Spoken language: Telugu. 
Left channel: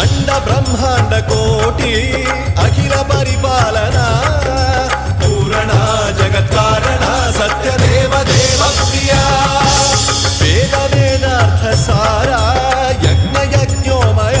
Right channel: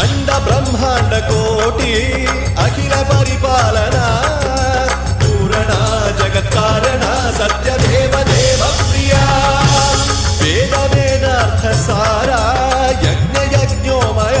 అండ బ్రహ్మాండ కోటి అఖిల పరిపాలన పూరణ జగత్కారణ సత్యదేవ దేవ ప్రియ వేద వేదార్థ సారా యజ్ఞ యజ్ఞోమయ